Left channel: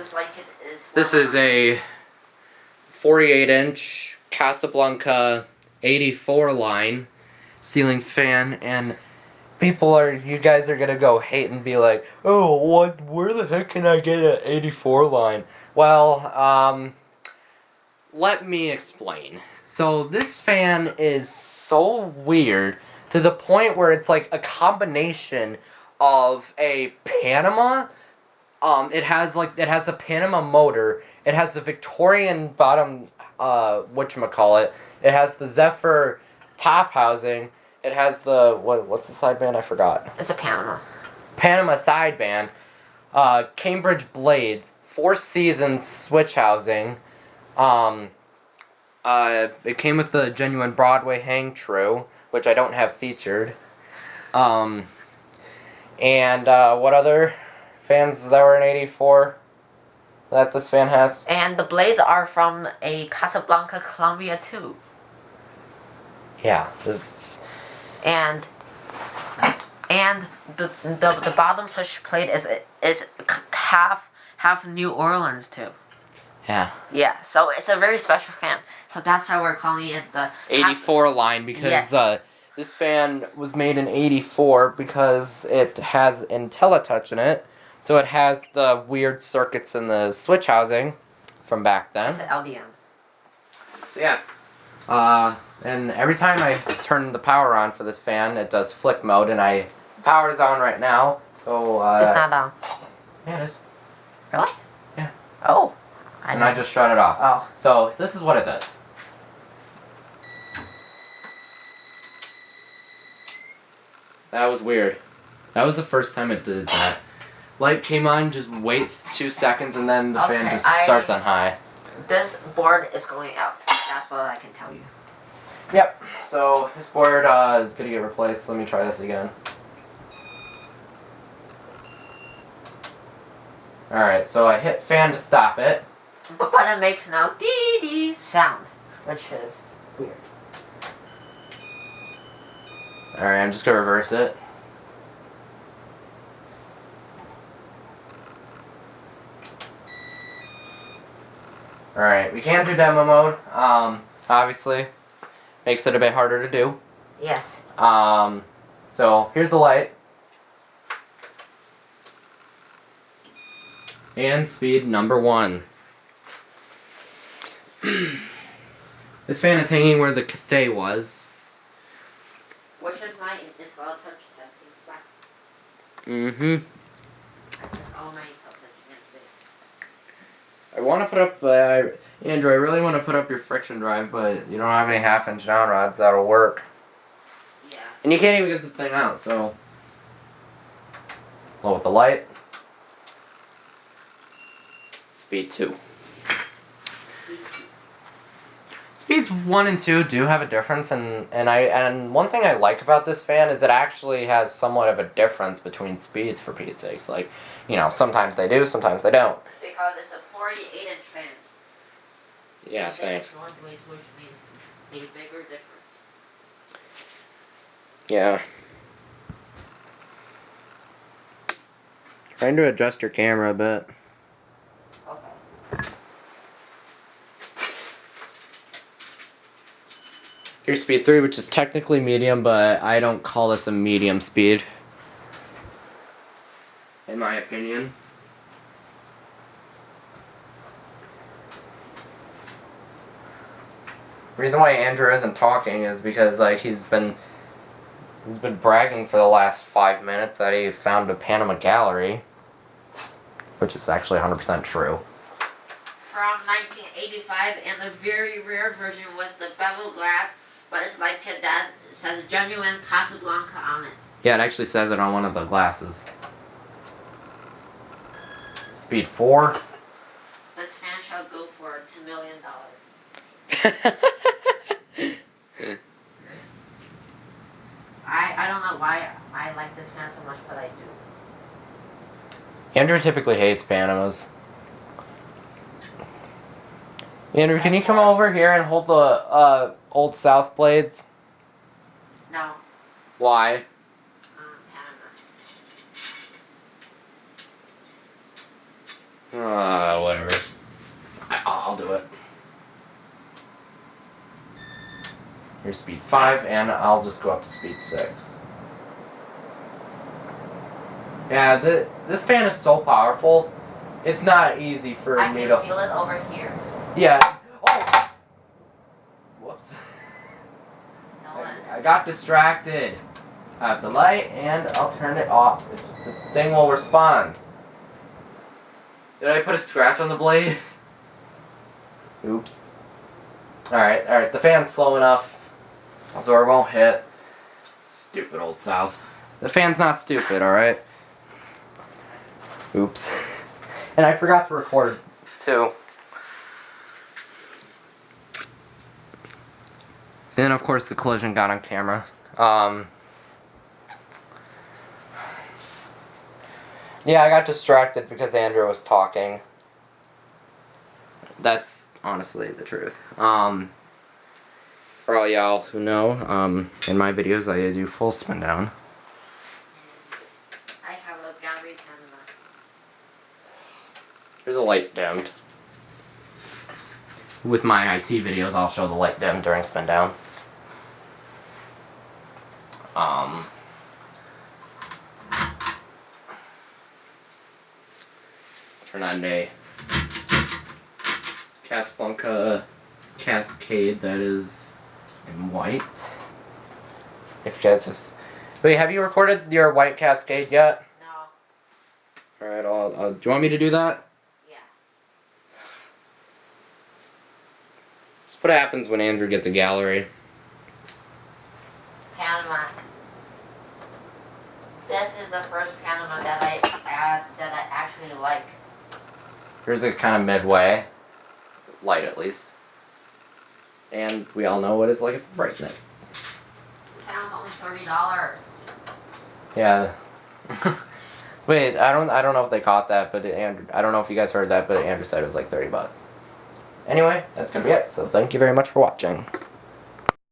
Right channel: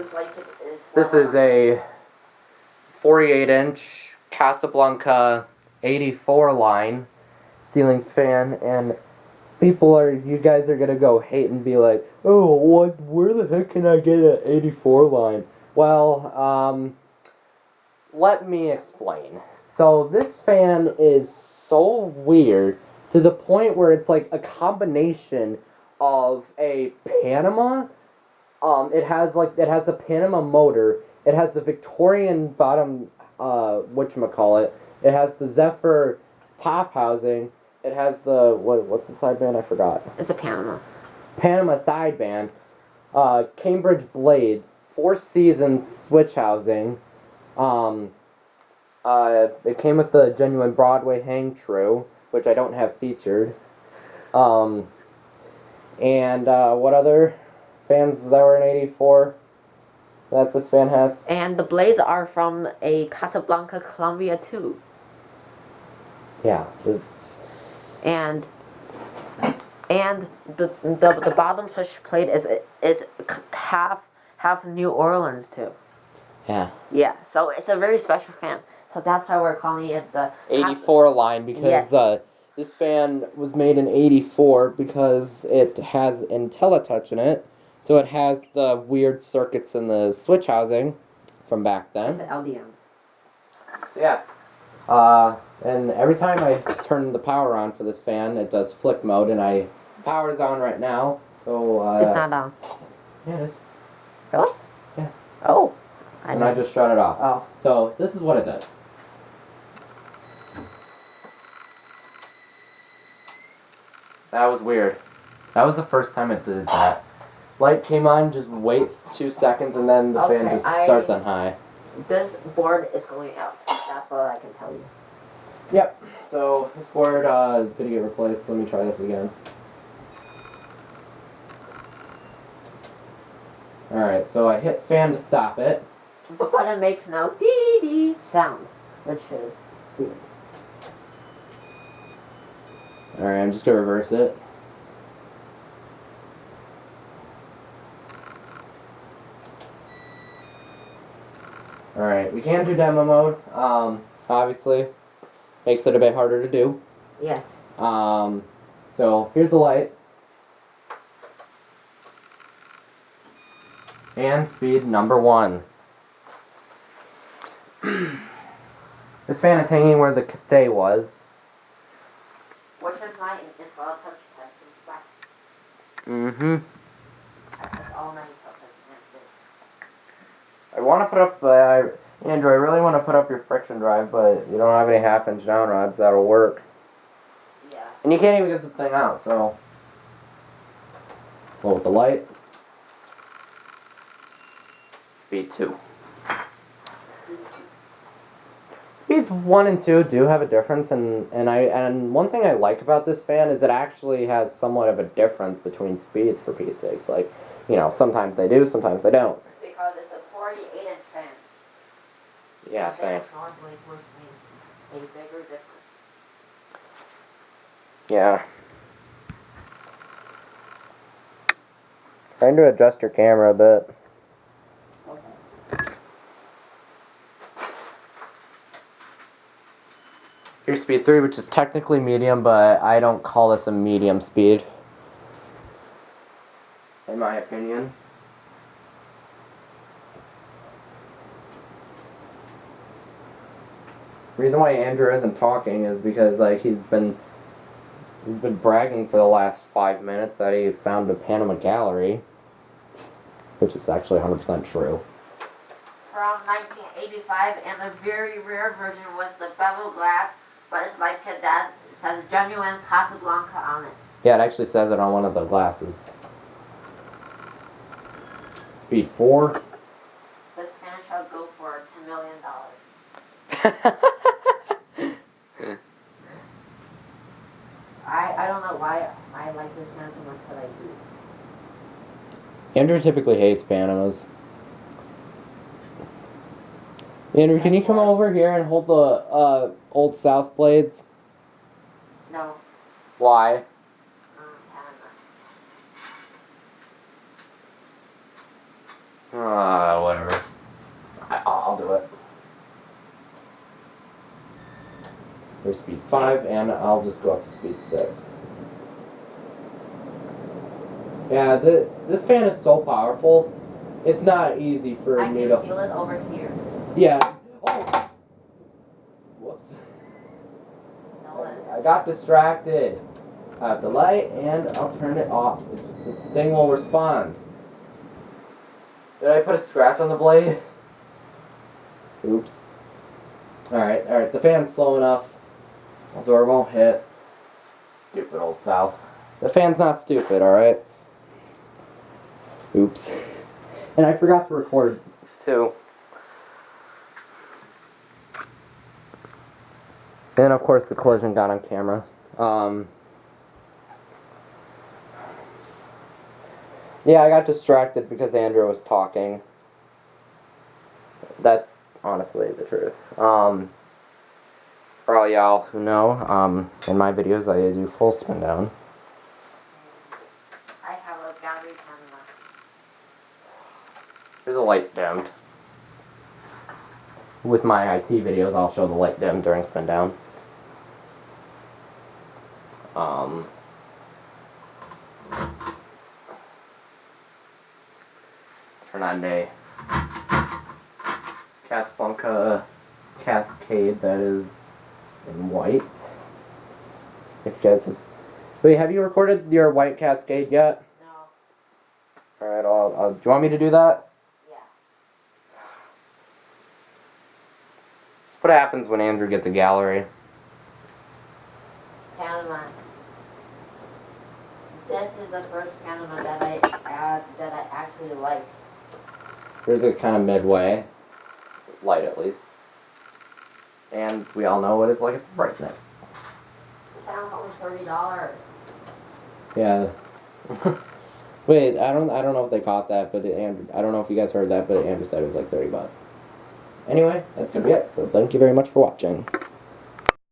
This light kit is... This is a 48-inch Casablanca 84 line ceiling fan, and you guys are gonna go hate and be like, oh, where the heck can I get an 84 line? Well, let me explain. So this fan is so weird to the point where it's like a combination of a Panama. It has the Panama motor. It has the Victorian bottom, whatchamacallit. It has the Zephyr top housing. It has the, what's the sideband? I forgot. It's a Panama. Panama sideband. Cambridge blades. 4 seasons switch housing. It came with the genuine Broadway hang true, which I don't have featured. And what other fans that were in 84 that this fan has? And the blades are from a Casablanca Columbia too. Yeah, And the bottom switch plate is half New Orleans too. Yeah. Yeah, so it's a very special fan. So that's why we're calling it the 84 line, because yes. This fan was made in 84 because it has IntelliTouch in it. So it has the weird circuits in the switch housing from back then. It's an LDM. So yeah. And every time I turn the power on for this fan, it does flick mode, and power's on right now. So it's not on. Yeah, it is. Really? Yeah. Oh. I just shut it off. Oh. So this is what it does. That was weird. That was the first time it did that. Light came on, just wait 2 seconds, and then the fan just starts on high. This board is going out. That's what I can tell you. Yep. So this board is gonna get replaced. Let me try this again. Alright, so I hit fan to stop it. But it makes no dee-dee sound, which is weird. Alright, I'm just gonna reverse it. Alright, we can do demo mode. Obviously, makes it a bit harder to do. Yes. So here's the light. And speed number 1. This fan is hanging where the Cathay was. Which is my IntelliTouch testing spot. Mm-hmm. That's all my IntelliTouch can do. I want to put up, Andrew, I really want to put up your friction drive, but you don't have any half-inch down rods that'll work. Yeah. And you can't even get the thing out, so. Low with the light. Speed 2. Speeds 1 and 2 do have a difference, and one thing I like about this fan is it actually has somewhat of a difference between speeds, for Pete's sakes. Like, sometimes they do, sometimes they don't. Because it's a 48-inch fan. Yeah, thanks. Which means a bigger difference. Yeah. Trying to adjust your camera a bit. Here's speed 3, which is technically medium, but I don't call this a medium speed, in my opinion. The reason why Andrew isn't talking is because he's been bragging for the last 5 minutes that he found a Panama gallery, which is actually 100% true. From 1985, and a very rare version with the bevel glass. But it's like that says genuine Casablanca on it. Yeah, it actually says it on one of the glasses. Speed 4. This fan shall go for $10 million. I don't know why I like this fan so much, but I do. Andrew typically hates Panamas. Andrew, can you come over here and hold the Old South blades? No. Why? Panama. Whatever. I'll do it. Here's speed 5, and I'll just go up to speed 6. Yeah, this fan is so powerful. It's not easy for me to... I can feel it over here. Yeah. Oh! Whoops. No, I got distracted. I have the light, and I'll turn it off. The thing will respond. Did I put a scratch on the blade? Oops. Alright, the fan's slow enough. So it won't hit. Stupid old South. The fan's not stupid, alright? Oops. And I forgot to record, too. And of course the collision got on camera. Yeah, I got distracted because Andrew was talking. That's honestly the truth. For all y'all who know, in my videos I do full spin down. I have a gallery Panama. There's a light dimmed. With my IT videos, I'll show the light dim during spin down. Turn on a Casablanca Cascade that is in white. If you guys just... Wait, have you recorded your white Cascade yet? No. Alright, I'll... Do you want me to do that? Yeah. That's what happens when Andrew gets a gallery. Panama. This is the first Panama that I actually like. Here's a kind of midway. Light, at least. And we all know what it's like for brightness. That was only $30. Yeah. Wait, I don't know if they caught that, but Andrew, I don't know if you guys heard that, but Andrew said it was like $30. Anyway, that's gonna be it. So thank you very much for watching.